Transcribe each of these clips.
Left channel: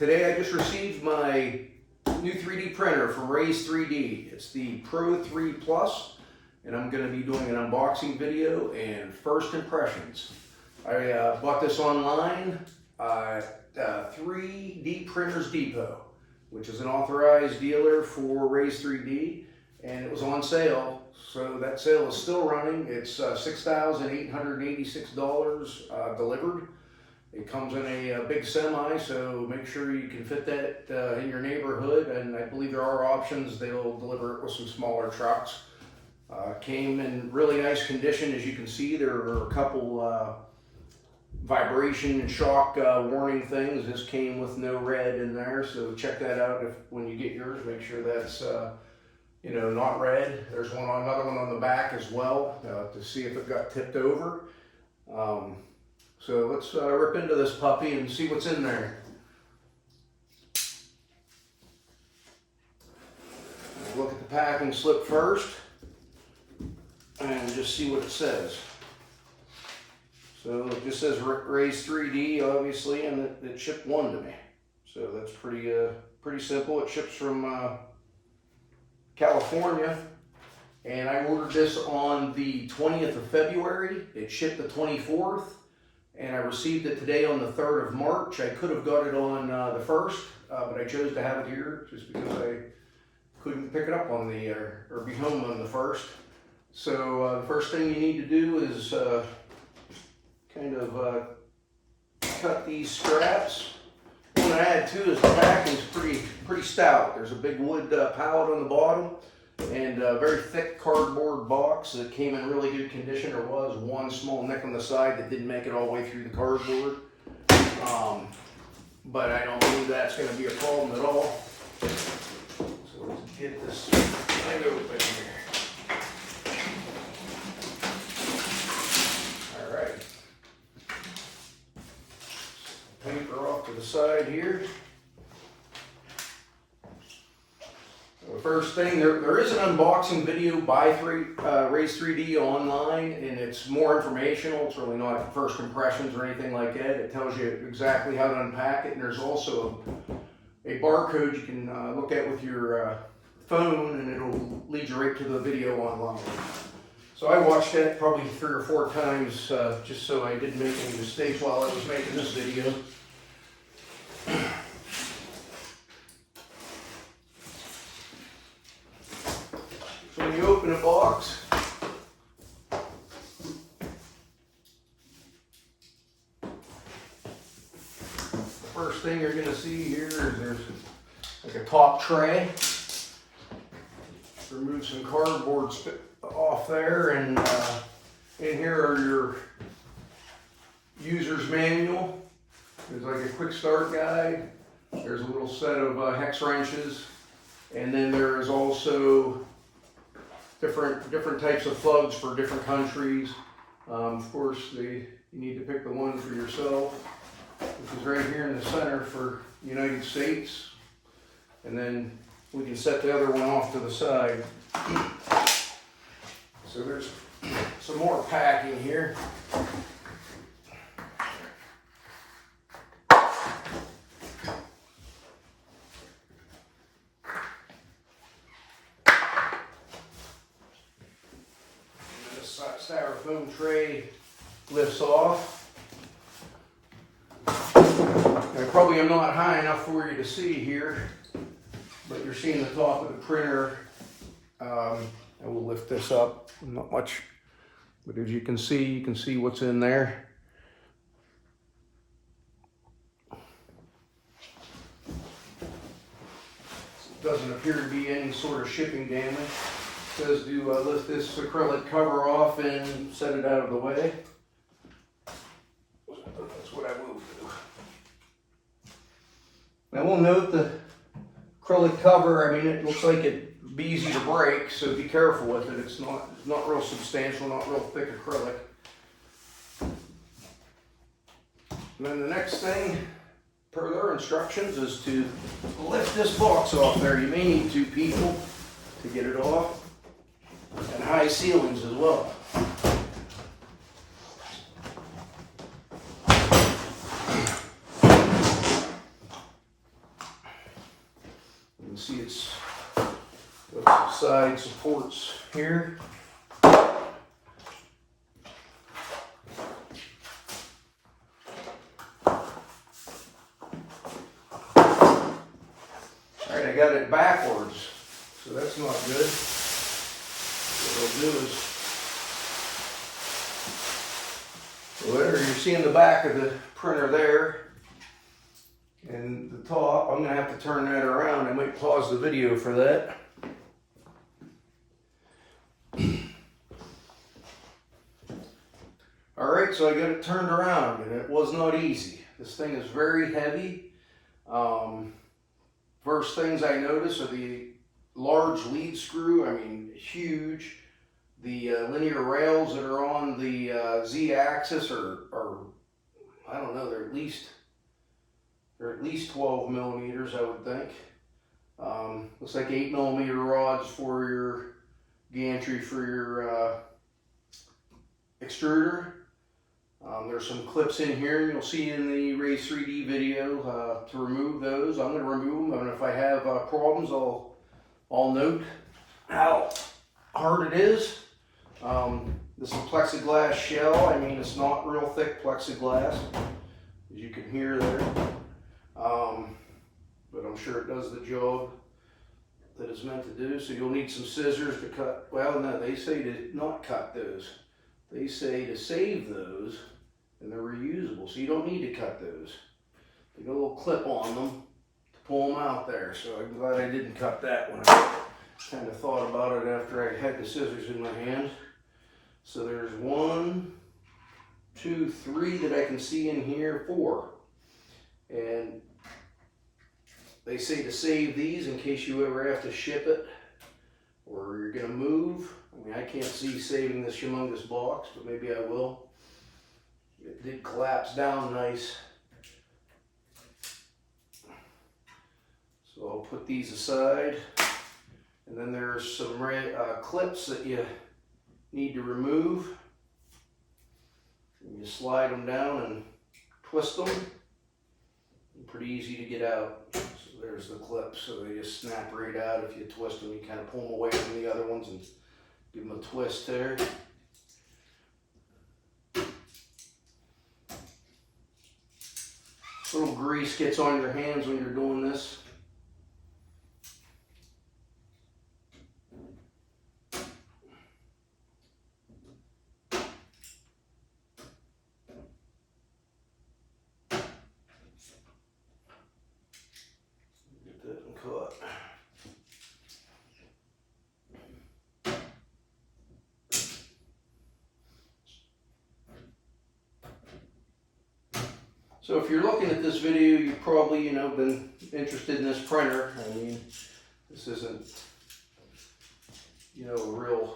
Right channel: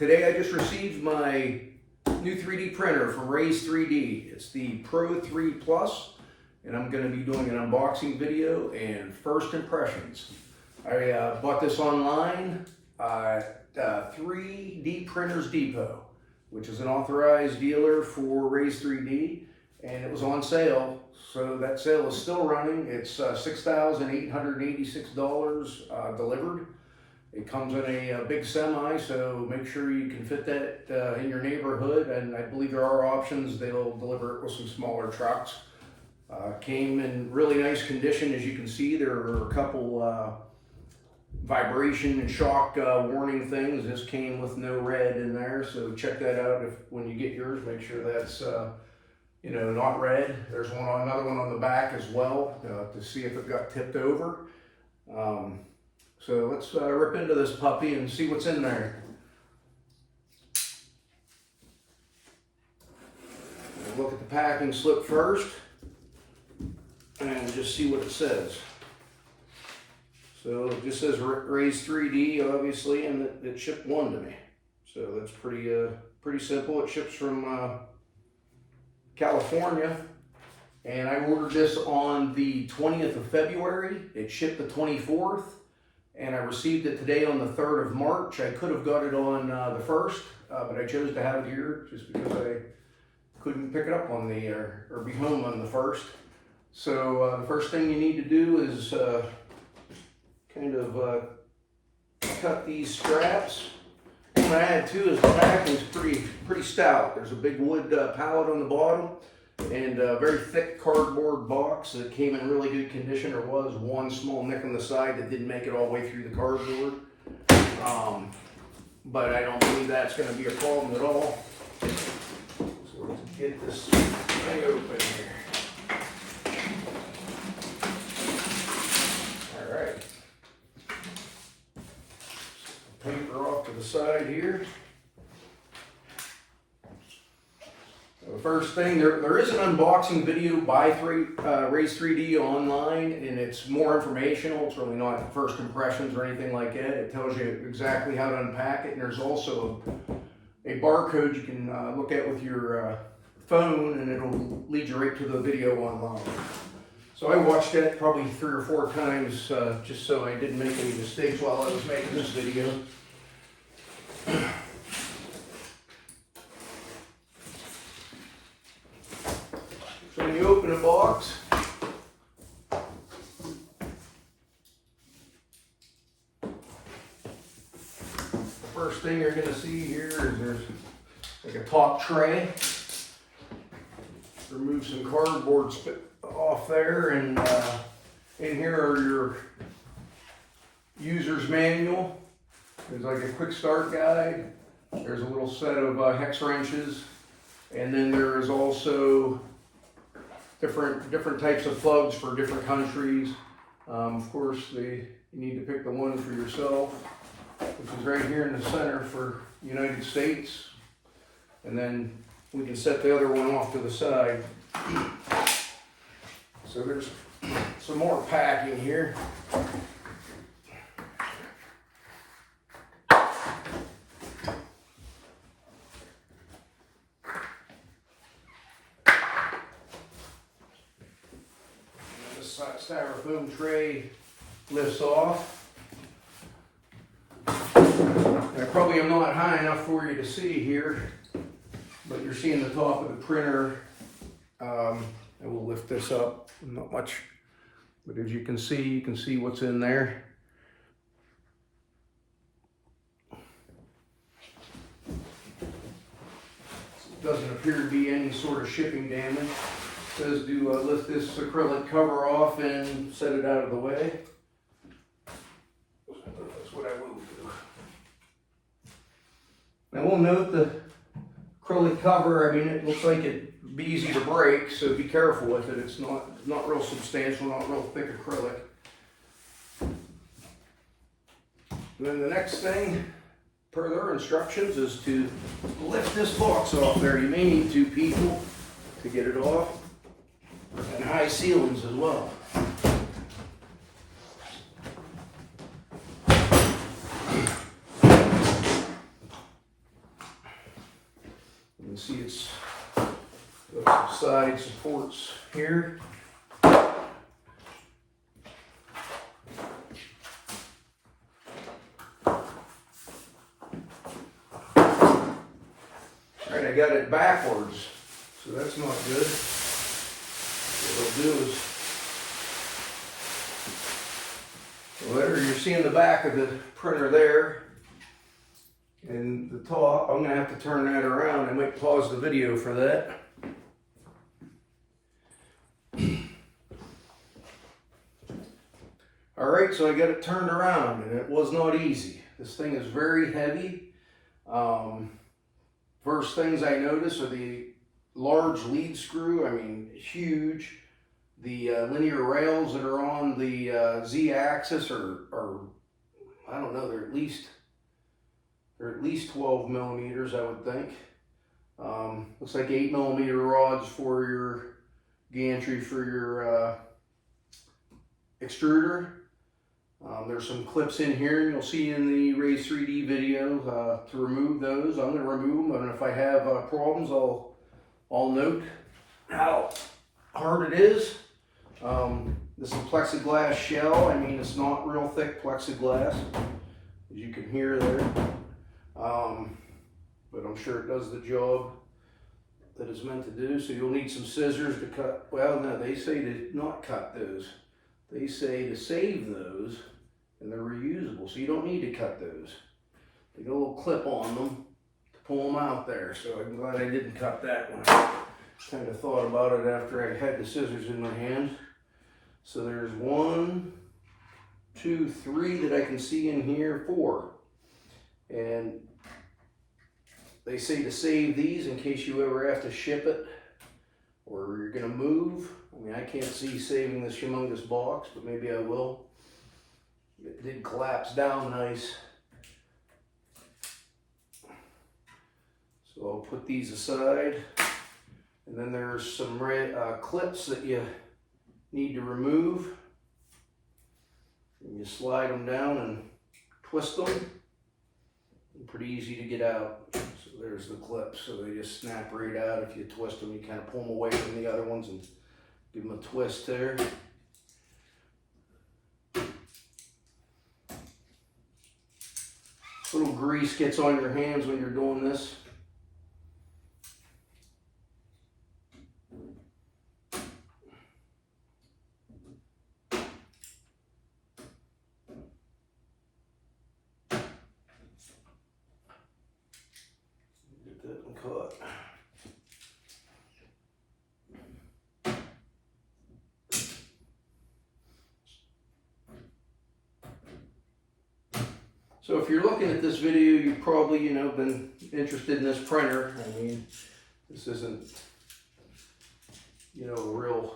Today I just received my new 3D printer from RAISE3D. It's the Pro3 Plus, and I'm going to be doing an unboxing video and first impressions. I bought this online at 3D Printers Depot, which is an authorized dealer for RAISE3D, and it was on sale. So that sale is still running. It's $6,886 delivered. It comes in a big semi, so make sure you can fit that in your neighborhood, and I believe there are options. They'll deliver it with some smaller trucks. Came in really nice condition. As you can see, there are a couple vibration and shock warning things. This came with no red in there, so check that out when you get yours. Make sure that's not red. There's another one on the back as well to see if it got tipped over. So let's rip into this puppy and see what's in there. We'll look at the packing slip first and just see what it says. So it just says RAISE3D, obviously, and it shipped one to me. So that's pretty simple. It ships from California, and I ordered this on the 20th of February. It shipped the 24th. And I received it today on the 3rd of March. I could have got it on the 1st, but I chose to have it here just because I couldn't pick it up on or be home on the 1st. So the first thing you need to do is cut these straps. What I add too is the packing is pretty stout. There's a big wood pallet on the bottom and a very thick cardboard box that came in really good condition. There was one small nick on the side that didn't make it all the way through the cardboard. But I don't believe that's going to be a problem at all. So let's get this thing open here. All right. Paper off to the side here. The first thing, there is an unboxing video by RAISE3D online, and it's more informational. It's really not first impressions or anything like that. It tells you exactly how to unpack it, and there's also a barcode you can look at with your phone, and it'll lead you right to the video online. So I watched that probably 3 or 4 times just so I didn't make any mistakes while I was making this video. So when you open a box, the first thing you're going to see here is there's like a top tray. Remove some cardboard off there, and in here are your user's manual. There's like a quick start guide. There's a little set of hex wrenches, and then there is also different types of plugs for different countries. Of course, you need to pick the one for yourself, which is right here in the center for United States. And then we can set the other one off to the side. So there's some more packing here. Styrofoam tray lifts off. And probably I'm not high enough for you to see here, but you're seeing the top of the printer. I will lift this up, not much, but as you can see what's in there. It doesn't appear to be any sort of shipping damage. It says to lift this acrylic cover off and set it out of the way. That's what I will do. Now we'll note the acrylic cover. I mean, it looks like it'd be easy to break, so be careful with it. It's not real substantial, not real thick acrylic. And then the next thing, per their instructions, is to lift this box off there. You may need 2 people to get it off, and high ceilings as well. can see it's got some side supports here. Alright, I got it backwards, so that's not good. What I'll do is, whatever you're seeing the back of the printer there, and the top, I'm going to have to turn that around. I might pause the video for that. Alright, so I got it turned around, and it was not easy. This thing is very heavy. First things I notice are the large lead screw, I mean huge. The linear rails that are on the Z-axis are, I don't know, they're at least 12 millimeters, I would think. Looks like 8 millimeter rods for your gantry for your extruder. There's some clips in here, and you'll see in the RAISE3D video to remove those. I'm going to remove them, and if I have problems, I'll note how hard it is. This is a plexiglass shell. I mean, it's not real thick plexiglass, as you can hear there. But I'm sure it does the job that it's meant to do. So you'll need some scissors to cut. Well, no, they say to not cut those. They say to save those, and they're reusable, so you don't need to cut those. They got a little clip on them to pull them out there, so I'm glad I didn't cut that one. I kind of thought about it after I had the scissors in my hand. So there's 1, 2, 3 that I can see in here, 4. And they say to save these in case you ever have to ship it or you're going to move. I mean, I can't see saving this humongous box, but maybe I will. It did collapse down nice. So I'll put these aside. And then there's some clips that you need to remove. And you slide them down and twist them. And pretty easy to get out. So there's the clips. So they just snap right out. If you twist them, you kind of pull them away from the other ones and give them a twist there. Little grease gets on your hands when you're doing this. Get that one caught. So if you're looking at this video, you've probably, been interested in this printer. I mean, this isn't, a real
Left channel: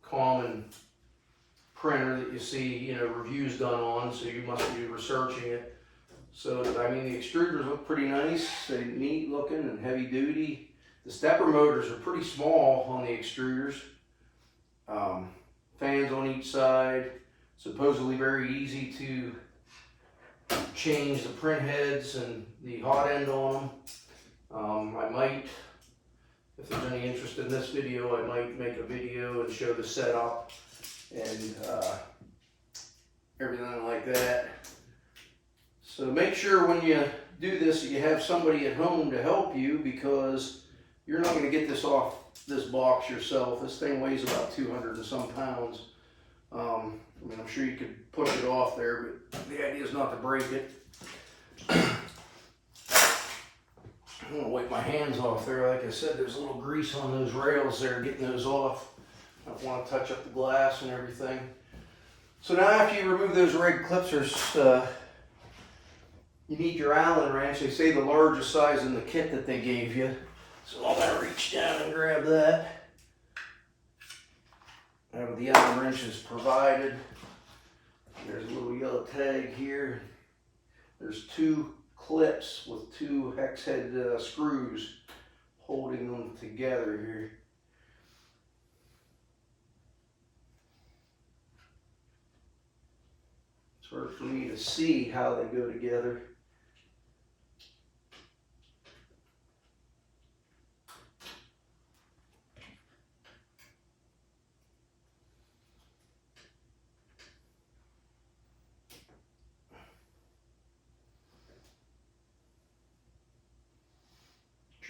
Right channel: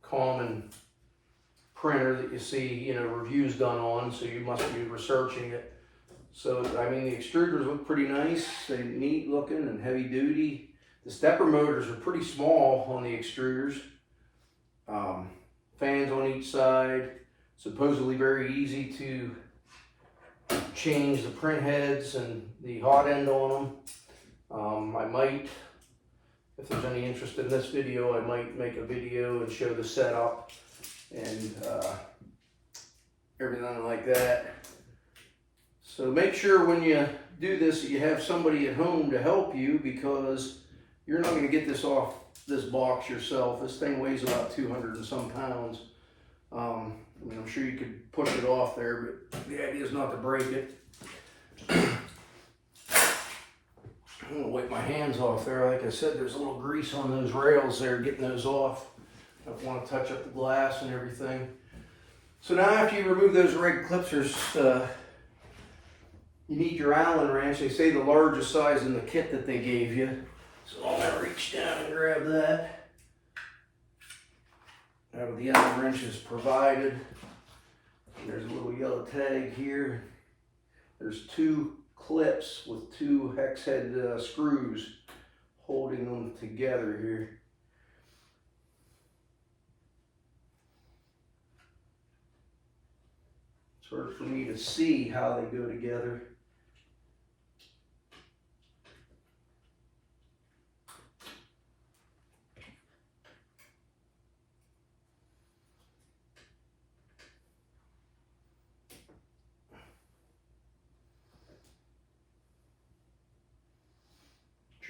common printer that you see, reviews done on, so you must be researching it. So, I mean, the extruders look pretty nice. They're neat looking and heavy duty. The stepper motors are pretty small on the extruders. Fans on each side. Supposedly very easy to change the print heads and the hot end on them. I might, if there's any interest in this video, I might make a video and show the setup and everything like that. So make sure when you do this that you have somebody at home to help you, because you're not going to get this off this box yourself. This thing weighs about 200 and some pounds. I mean, I'm sure you could push it off there, but the idea is not to break it. I'm going to wipe my hands off there. Like I said, there's a little grease on those rails there, getting those off. I don't want to touch up the glass and everything. So now after you remove those red clips, you need your Allen wrench. They say the largest size in the kit that they gave you. So I'm going to reach down and grab that. Now the Allen wrench is provided. There's a little yellow tag here. There's 2 clips with 2 hex head screws holding them together here. It's hard for me to see how they go together.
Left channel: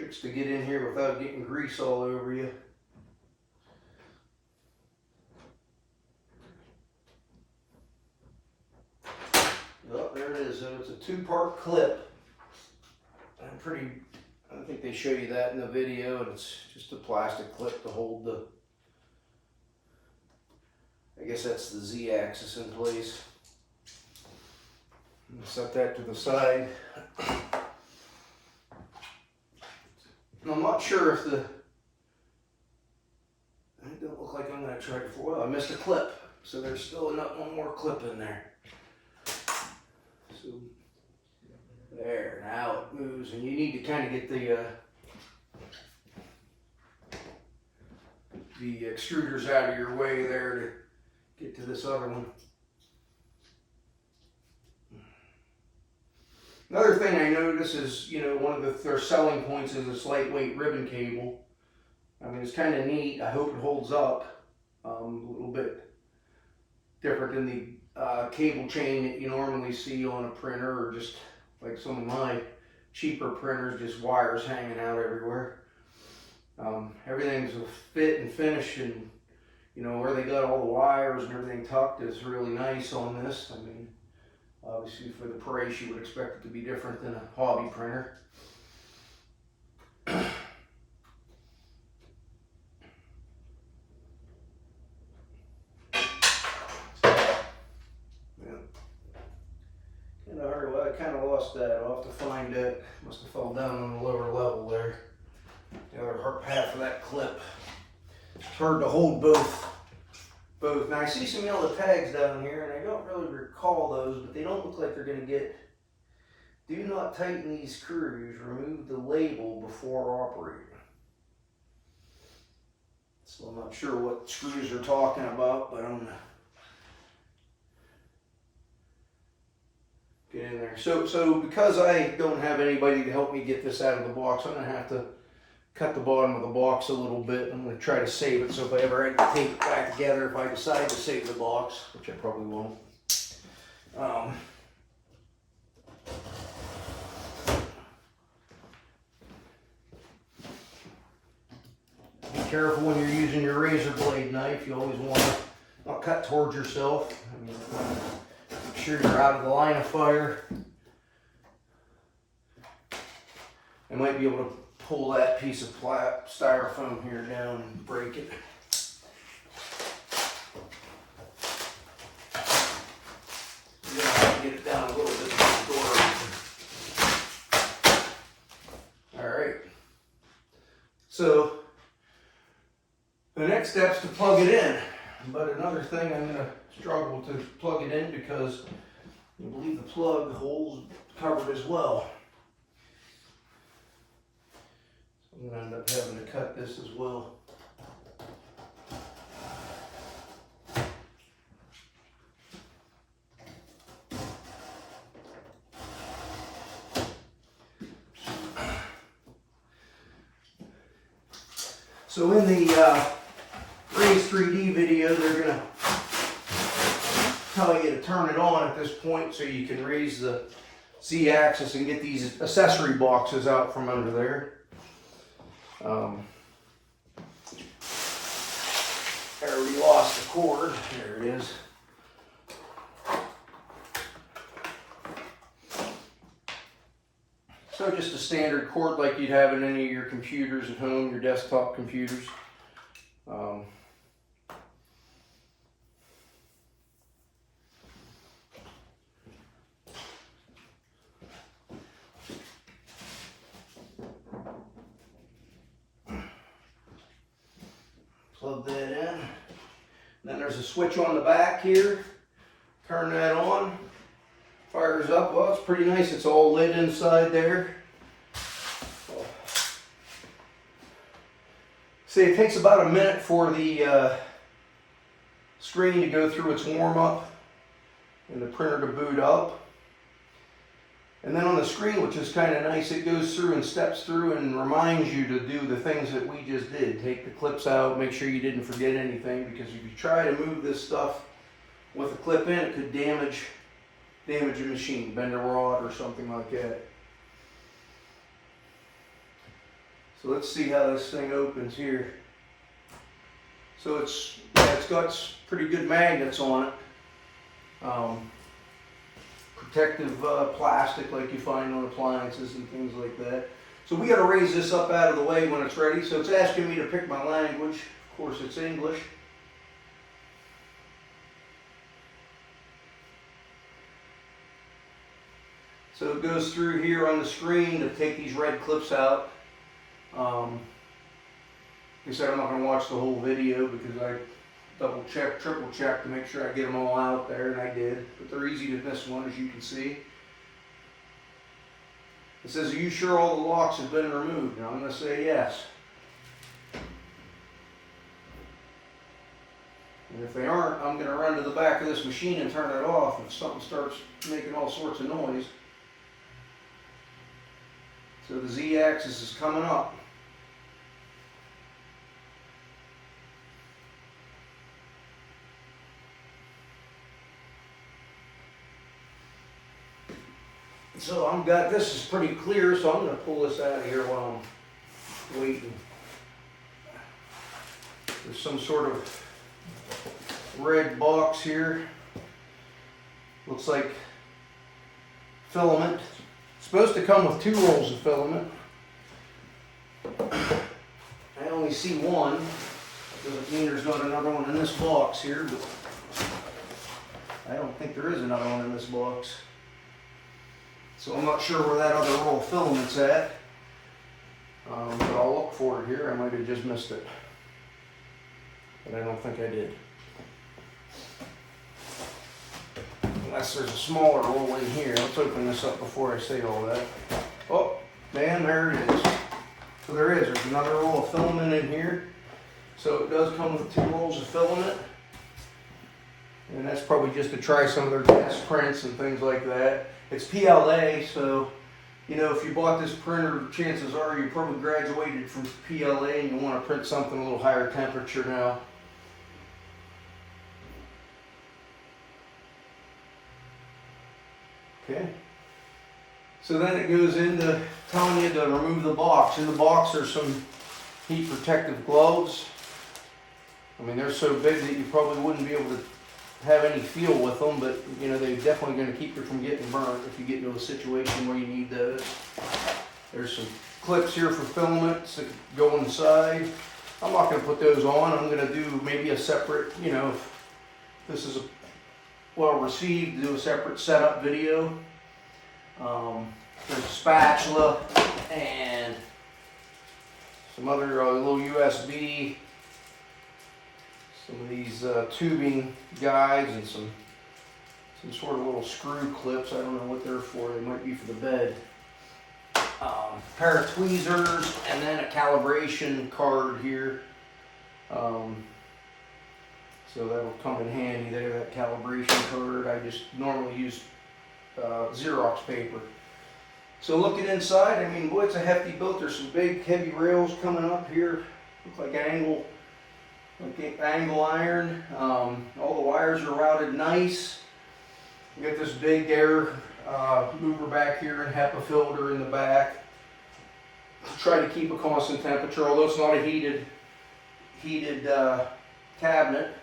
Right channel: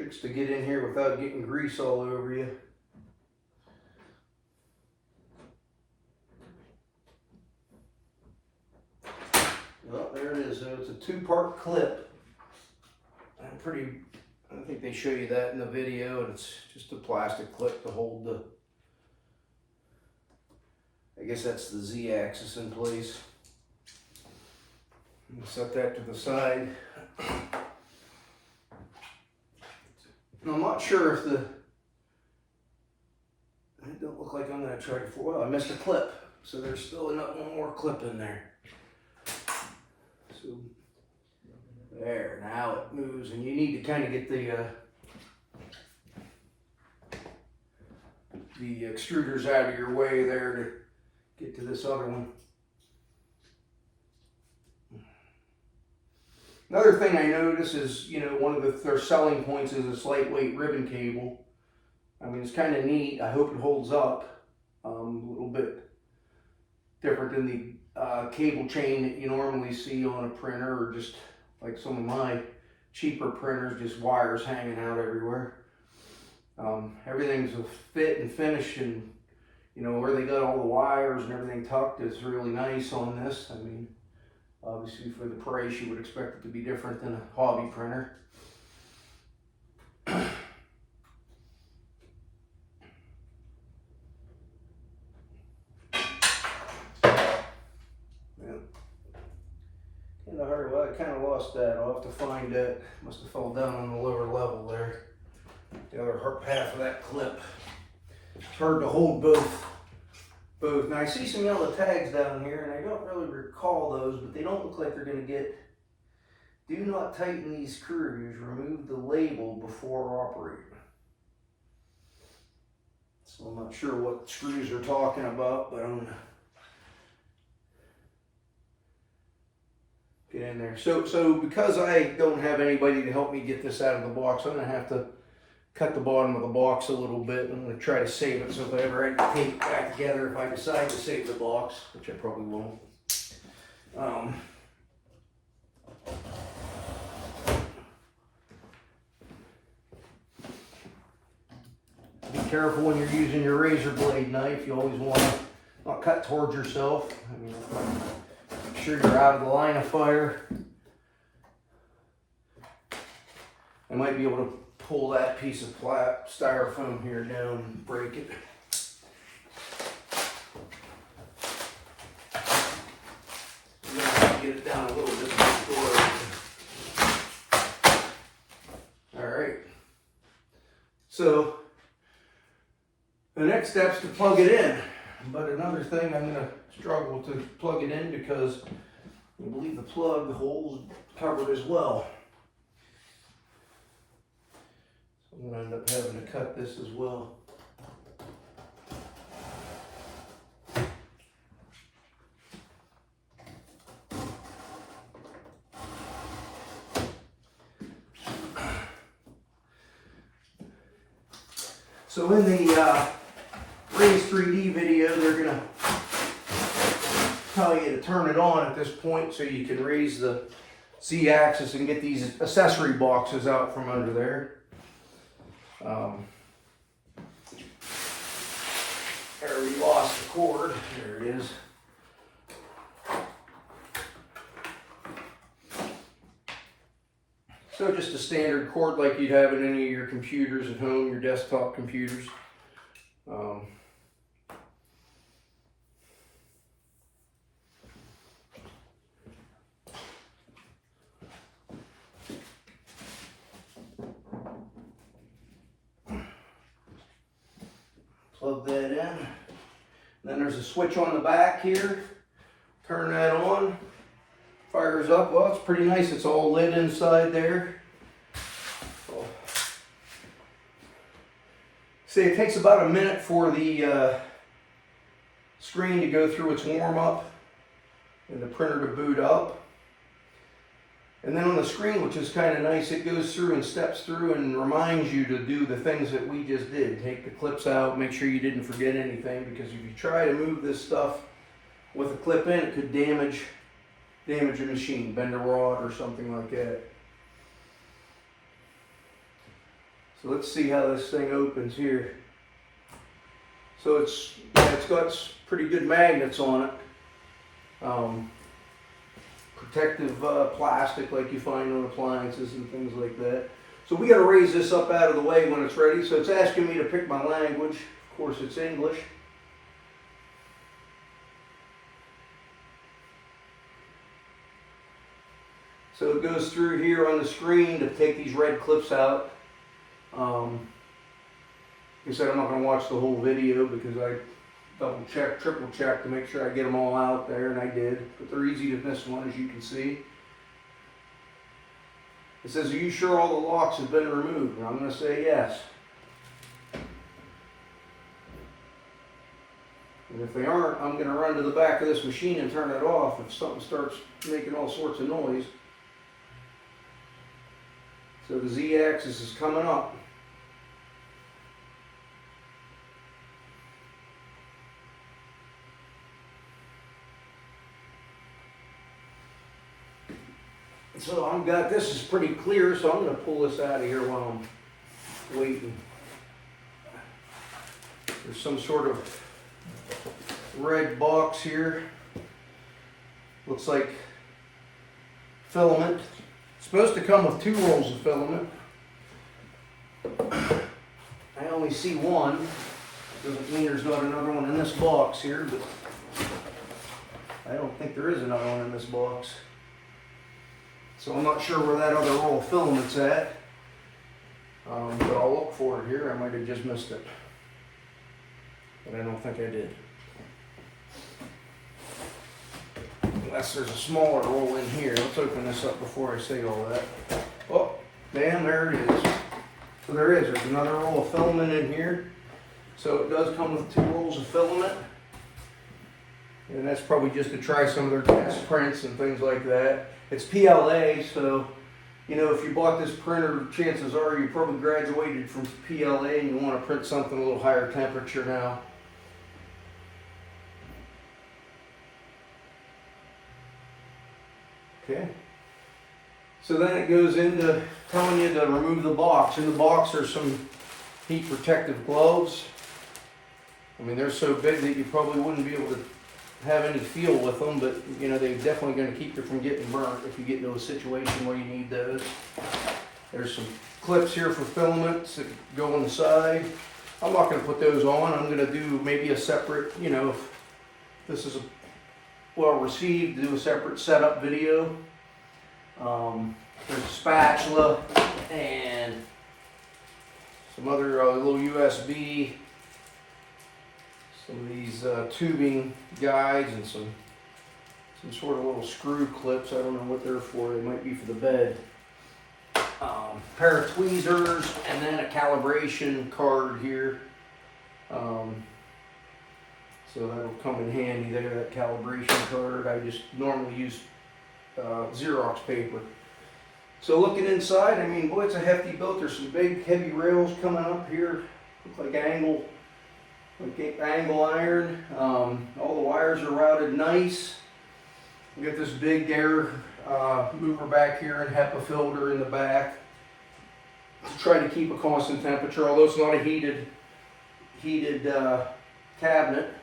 Tricks to get in here without getting grease all over you. Oh, there it is. So it's a 2-part clip. I think they show you that in the video, and it's just a plastic clip to hold the, I guess that's the Z-axis in place. Set that to the side. And I'm not sure if it don't look like I'm going to try to, well, I missed a clip. So there's still one more clip in there. So there, now it moves, and you need to kind of get the extruders out of your way there to get to this other one. Another thing I notice is, you know, one of their selling points is this lightweight ribbon cable. I mean, it's kind of neat. I hope it holds up. A little bit different than the cable chain that you normally see on a printer, or just like some of my cheaper printers, just wires hanging out everywhere. Everything's a fit and finish, and you know, where they got all the wires and everything tucked is really nice on this. I mean, obviously for the price you would expect it to be different than a hobby printer. Well, I kind of lost that. I'll have to find it. Must have fell down on the lower level there. The other half of that clip. It's hard to hold both. Now I see some yellow tags down here, and I don't really recall those, but they don't look like they're going to get. Do not tighten these screws. Remove the label before operating. So I'm not sure what screws they're talking about, but I'm going to get in there. So because I don't have anybody to help me get this out of the box, I'm going to have to cut the bottom of the box a little bit. I'm going to try to save it, so if I ever had to take it back together, if I decide to save the box, which I probably won't. Be careful when you're using your razor blade knife. You always want to not cut towards yourself. I mean, make sure you're out of the line of fire. I might be able to pull that piece of styrofoam here down and break it. I'm gonna have to get it down a little bit to the door. All right. So the next step is to plug it in. But another thing, I'm gonna struggle to plug it in because I believe the plug hole's covered as well. So I'm gonna end up having to cut this as well. So in the RAISE3D video, they're going to tell you to turn it on at this point so you can raise the Z-axis and get these accessory boxes out from under there. There, we lost the cord. There it is. So just a standard cord like you'd have in any of your computers at home, your desktop computers. Plug that in. Then there's a switch on the back here. Turn that on. Fires up. Well, it's pretty nice. It's all lit inside there. See, it takes about a minute for the screen to go through its warm-up and the printer to boot up. And then on the screen, which is kind of nice, it goes through and steps through and reminds you to do the things that we just did. Take the clips out, make sure you didn't forget anything, because if you try to move this stuff with a clip in, it could damage a machine, bend a rod or something like that. So let's see how this thing opens here. So it's got pretty good magnets on it. Protective plastic like you find on appliances and things like that. So we got to raise this up out of the way when it's ready. So it's asking me to pick my language. Of course it's English. So it goes through here on the screen to take these red clips out. Like I said, I'm not going to watch the whole video because I double check, triple check to make sure I get them all out there, and I did. But they're easy to miss one, as you can see. It says, are you sure all the locks have been removed? And I'm going to say yes. And if they aren't, I'm going to run to the back of this machine and turn it off if something starts making all sorts of noise. So the Z-axis is coming up. So I've got, this is pretty clear, so I'm going to pull this out of here while I'm waiting. There's some sort of red box here. Looks like filament. It's supposed to come with 2 rolls of filament. I only see one. Doesn't mean there's not another one in this box here, but I don't think there is another one in this box. So I'm not sure where that other roll of filament's at, but I'll look for it here. I might have just missed it, but I don't think I did. Unless there's a smaller roll in here. Let's open this up before I say all that. Oh, man, there it is. So there is. There's another roll of filament in here. So it does come with 2 rolls of filament. And that's probably just to try some of their test prints and things like that. It's PLA, so, you know, if you bought this printer, chances are you probably graduated from PLA and you want to print something a little higher temperature now. Okay. So then it goes into telling you to remove the box. In the box there's some heat protective gloves. I mean, they're so big that you probably wouldn't be able to have any feel with them, but you know, they're definitely going to keep you from getting burnt if you get into a situation where you need those. There's some clips here for filaments that go on the side. I'm not going to put those on. I'm going to do maybe a separate, you know, if this is well received, do a separate setup video. There's a spatula and some other little USB, some of these tubing guides, and some sort of little screw clips. I don't know what they're for. They might be for the bed. Pair of tweezers, and then a calibration card here. So that'll come in handy there, that calibration card. I just normally use Xerox paper. So looking inside, I mean, boy, it's a hefty build. There's some big, heavy rails coming up here. Look like angle iron. All the wires are routed nice. You got this big air mover back here and HEPA filter in the back to try to keep a constant temperature, although it's not a heated cabinet.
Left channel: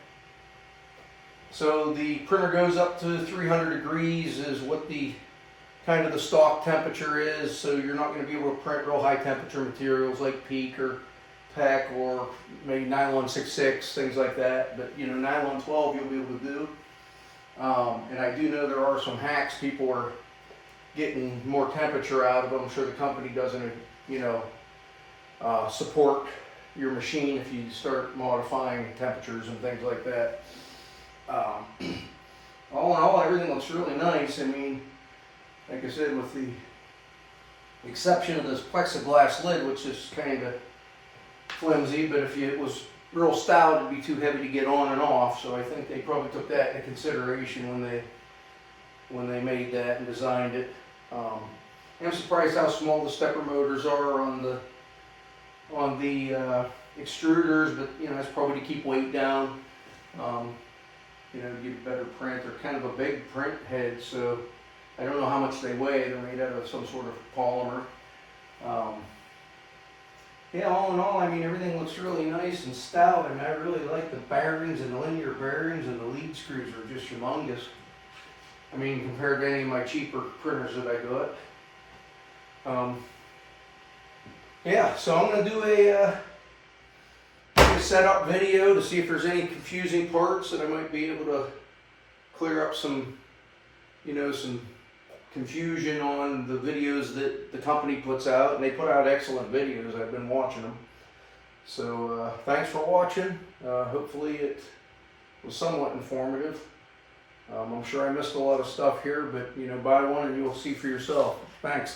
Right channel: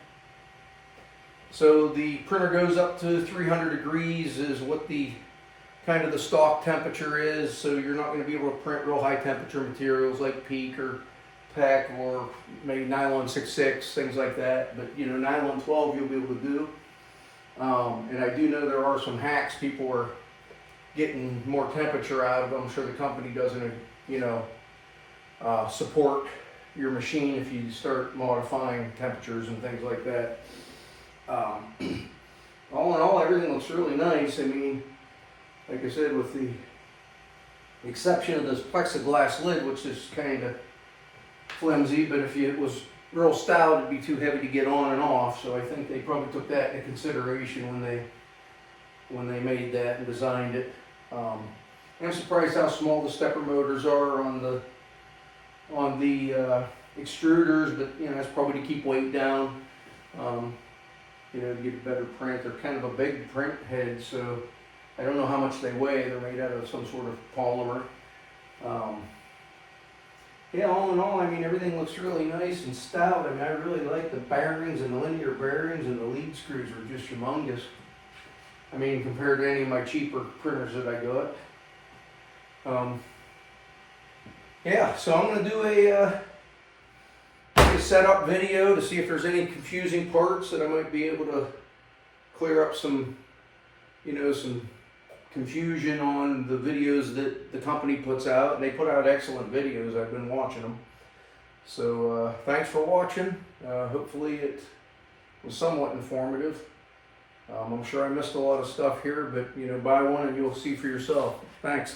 So the printer goes up to 300 degrees is what the kind of the stock temperature is. So you're not going to be able to print real high temperature materials like PEEK or PEC or maybe nylon 66, things like that. But you know, nylon 12 you'll be able to do. And I do know there are some hacks. People are getting more temperature out of them. I'm sure the company doesn't, you know, support your machine if you start modifying temperatures and things like that. All in all, everything looks really nice. I mean, like I said, with the exception of this plexiglass lid, which is kind of flimsy, but if it was real stout, it'd be too heavy to get on and off. So I think they probably took that into consideration when they made that and designed it. I'm surprised how small the stepper motors are on the extruders, but you know, that's probably to keep weight down. You know, to get a better print. They're kind of a big print head, so I don't know how much they weigh. They're made out of some sort of polymer. yeah, all in all, I mean, everything looks really nice and stout. I mean, I really like the bearings and the linear bearings, and the lead screws are just humongous. I mean, compared to any of my cheaper printers that I got. Yeah, so I'm going to do a setup video to see if there's any confusing parts that I might be able to clear up some, you know, some confusion on the videos that the company puts out. And they put out excellent videos. I've been watching them. So thanks for watching. Hopefully it was somewhat informative. I'm sure I missed a lot of stuff here, but you know, buy one and you'll see for yourself. Thanks.